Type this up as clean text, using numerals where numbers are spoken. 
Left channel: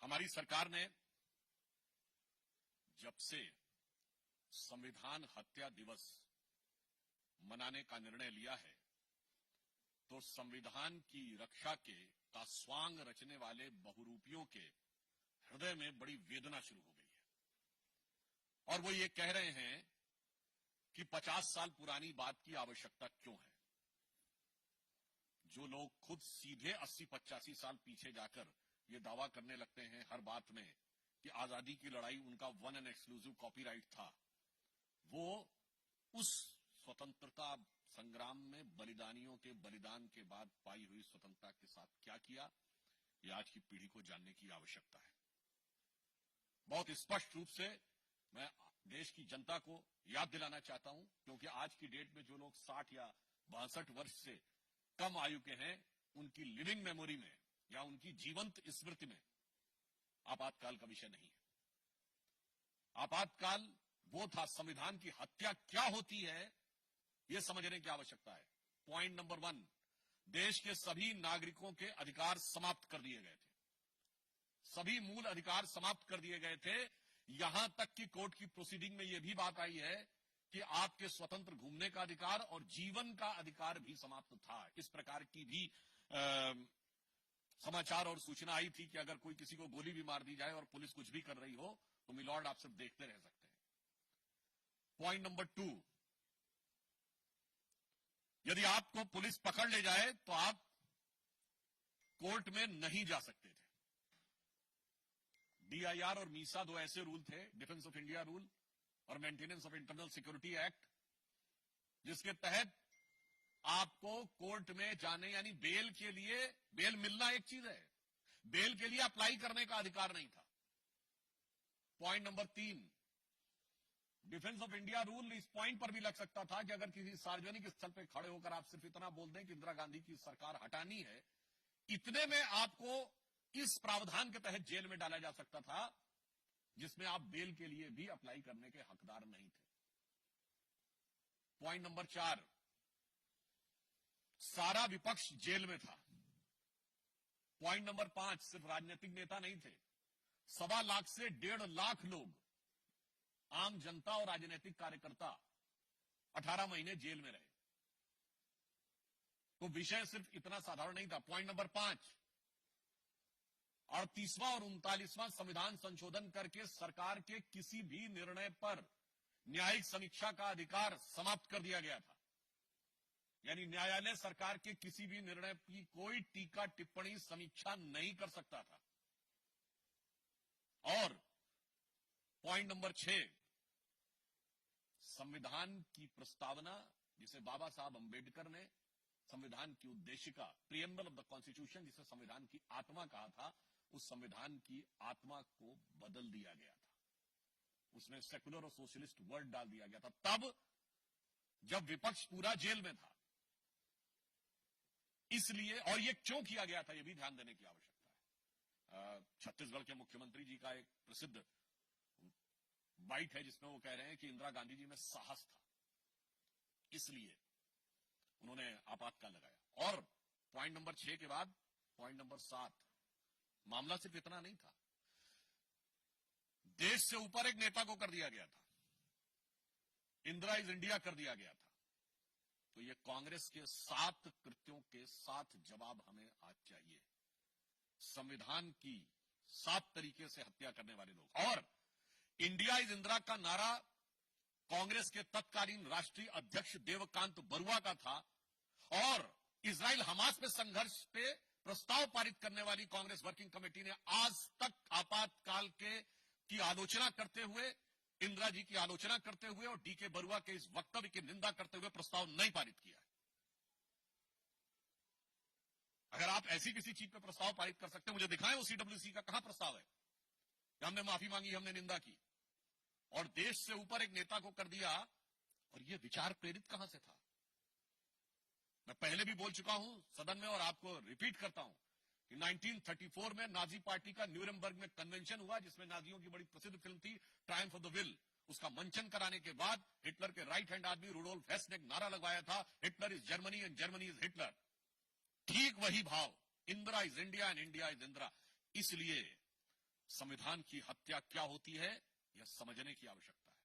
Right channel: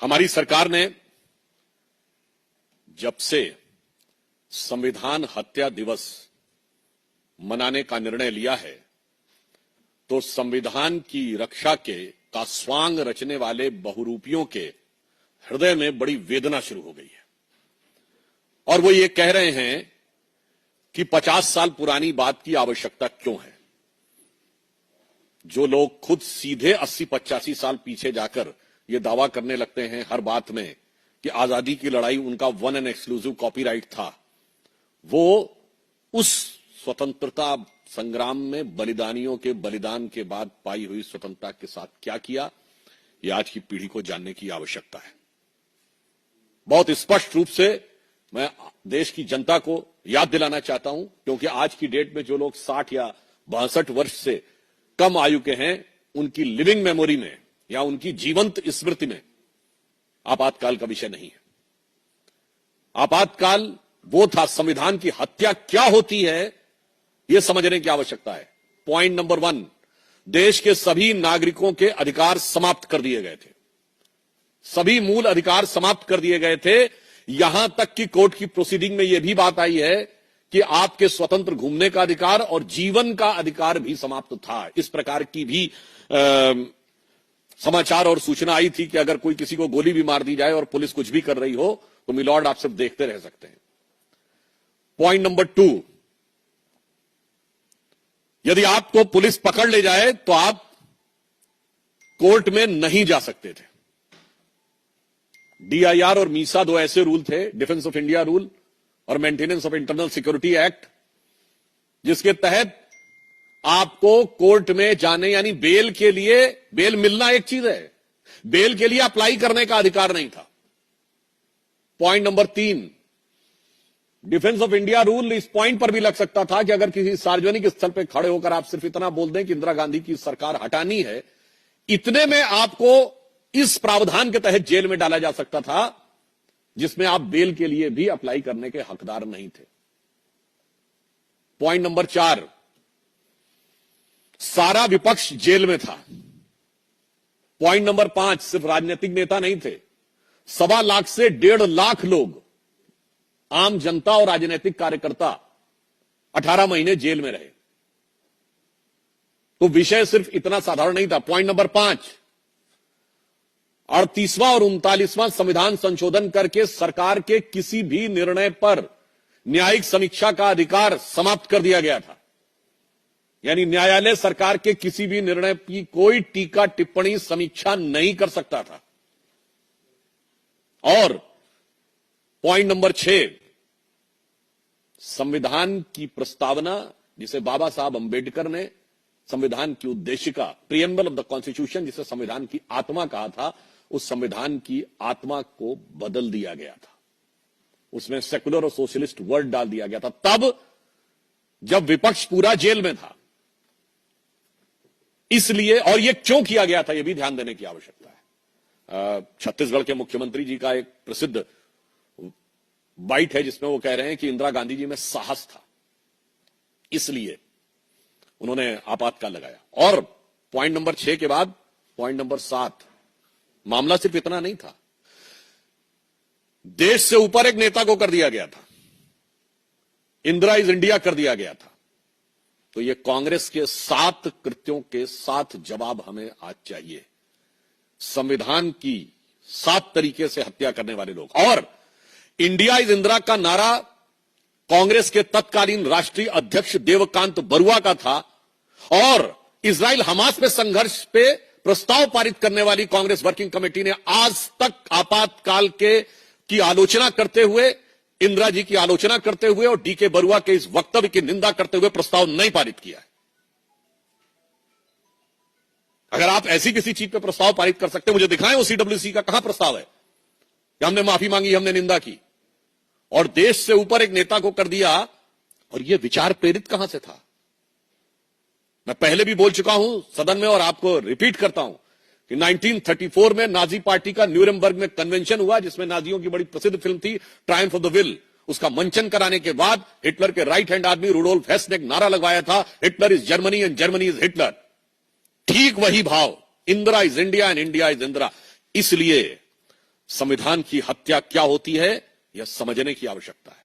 हमारी सरकार ने जब से संविधान हत्या दिवस मनाने का निर्णय लिया है तो संविधान की रक्षा का स्वांग रचने वाले बहुरूपियों के हृदय में बड़ी वेदना शुरू हो गई है और वो ये कह रहे हैं कि 50 साल पुरानी बात की आवश्यकता क्यों है। जो लोग खुद सीधे 80-85 साल पीछे जाकर ये दावा करने लगते हैं हर बात में कि आजादी की लड़ाई उनका वन एंड एक्सक्लूसिव कॉपीराइट था, वो उस स्वतंत्रता संग्राम में बलिदानियों के बलिदान के बाद पाई हुई स्वतंत्रता के साथ क्या किया, ये आज की पीढ़ी को जानने की आवश्यकता है। बहुत स्पष्ट रूप से मैं देश की जनता को याद दिलाना चाहता हूं, क्योंकि आज की डेट में जो लोग 60 या 62 वर्ष से कम आयु के हैं, उनकी लिविंग मेमोरी में या उनकी जीवंत स्मृति में आपातकाल का विषय नहीं है। आपातकाल वो था, संविधान की हत्या क्या होती है यह समझने की आवश्यकता है। पॉइंट नंबर 1, देश के सभी नागरिकों के अधिकार समाप्त कर दिए गए थे, सभी मूल अधिकार समाप्त कर दिए गए थे। यहां तक कि कोर्ट की प्रोसीडिंग में यह भी बात आई है कि आपके स्वतंत्र घूमने का अधिकार और जीवन का अधिकार भी समाप्त था। इस प्रकार की भी समाचार और सूचना आई थी कि अगर कोई किसी को गोली भी मार दी जाए और पुलिस कुछ भी कर रही हो तो मिलॉर्ड आप सब देखते रह सकते हैं। पॉइंट नंबर 2, यदि आपको पुलिस पकड़ ले जाए तो आप कोर्ट में नहीं जा सकते थे। डीआईआर और मीसा दो ऐसे रूल थे, डिफेंस ऑफ इंडिया रूल और maintenance of internal security act, जिसके तहत आपको कोर्ट में जाने यानी बेल के लिए, बेल मिलना एक चीज है, बेल के लिए अप्लाई करने का अधिकार नहीं था। Point number 3, defence of India rule इस पॉइंट पर भी लग सकता था कि अगर किसी सार्वजनिक स्थल पर खड़े होकर आप सिर्फ इतना बोल दें कि इंदिरा गांधी की सरकार हटानी है, इतने में आपको इस प्रावधान के तहत जेल में डाला जा सकता था, जिसमें आप बेल के लिए भी अप्लाई करने के हकदार नहीं थे। पॉइंट नंबर 4, सारा विपक्ष जेल में था। पॉइंट नंबर 5, सिर्फ राजनीतिक नेता नहीं थे, 1.25 लाख से 1.5 लाख लोग, आम जनता और राजनीतिक कार्यकर्ता 18 महीने जेल में रहे। तो विषय सिर्फ इतना साधारण नहीं था। पॉइंट नंबर 5, 38वां और 39वां संविधान संशोधन करके सरकार के किसी भी निर्णय पर न्यायिक समीक्षा का अधिकार समाप्त कर दिया गया था, यानी न्यायालय सरकार के किसी भी निर्णय की कोई टीका टिप्पणी समीक्षा नहीं कर सकता था। और पॉइंट नंबर 6, संविधान की प्रस्तावना, जिसे बाबा साहब अंबेडकर ने संविधान की उद्देशिका, प्रीएम्बल ऑफ द कॉन्स्टिट्यूशन, जिसे संविधान की आत्मा कहा था, उस संविधान की आत्मा को बदल दिया गया था। उसमें सेकुलर और सोशलिस्ट वर्ड डाल दिया गया था, तब जब विपक्ष पूरा जेल में था। इसलिए, और यह क्यों किया गया था, यह भी ध्यान देने की आवश्यकता है। छत्तीसगढ़ के मुख्यमंत्री जी का एक प्रसिद्ध बाइट है जिसमें वो कह रहे हैं कि इंदिरा गांधी जी में साहस था, इसलिए उन्होंने आपातकाल लगाया। और पॉइंट नंबर 6 के बाद पॉइंट नंबर 7, मामला सिर्फ इतना नहीं था, देश से ऊपर एक नेता को कर दिया गया था, इंदिरा इज इंडिया कर दिया गया था। तो ये कांग्रेस के 7 कृत्यों के 7 जवाब हमें आज चाहिए। संविधान की 7 तरीके से हत्या करने वाले लोग। और इंडिया इज इंदिरा का नारा कांग्रेस के तत्कालीन राष्ट्रीय अध्यक्ष देवकांत बरुआ का था, और इजराइल हमास पे संघर्ष पे प्रस्ताव पारित करने वाली कांग्रेस वर्किंग कमेटी ने आज तक आपातकाल की आलोचना करते हुए, इंदिरा जी की आलोचना करते हुए और डीके बरुआ के इस वक्तव्य की निंदा करते हुए प्रस्ताव नहीं पारित किया है। अगर आप ऐसी किसी चीज पे प्रस्ताव पारित कर सकते हैं, मुझे दिखाएं वो सीडब्ल्यूसी का कहां प्रस्ताव है कि हमने माफी मांगी, हमने निंदा की, और देश से ऊपर एक नेता को कर दिया। और यह विचार प्रेरित कहां से था? मैं पहले भी बोल चुका हूं सदन में और आपको रिपीट करता हूं कि 1934 में नाजी पार्टी का न्यूरेमबर्ग में कन्वेंशन हुआ, जिसमें नाजियों की बड़ी प्रसिद्ध फिल्म थी ट्रायम्फ ऑफ द विल। उसका मंचन कराने के बाद हिटलर के राइट हैंड आदमी रुडोल्फ हेस ने एक नारा लगवाया था, Hitler is Germany and Germany is Hitler. ठीक वही भाव, Indira is India and India is Indira. इसलिए संविधान की हत्या क्या होती है यह समझने की आवश्यकता है।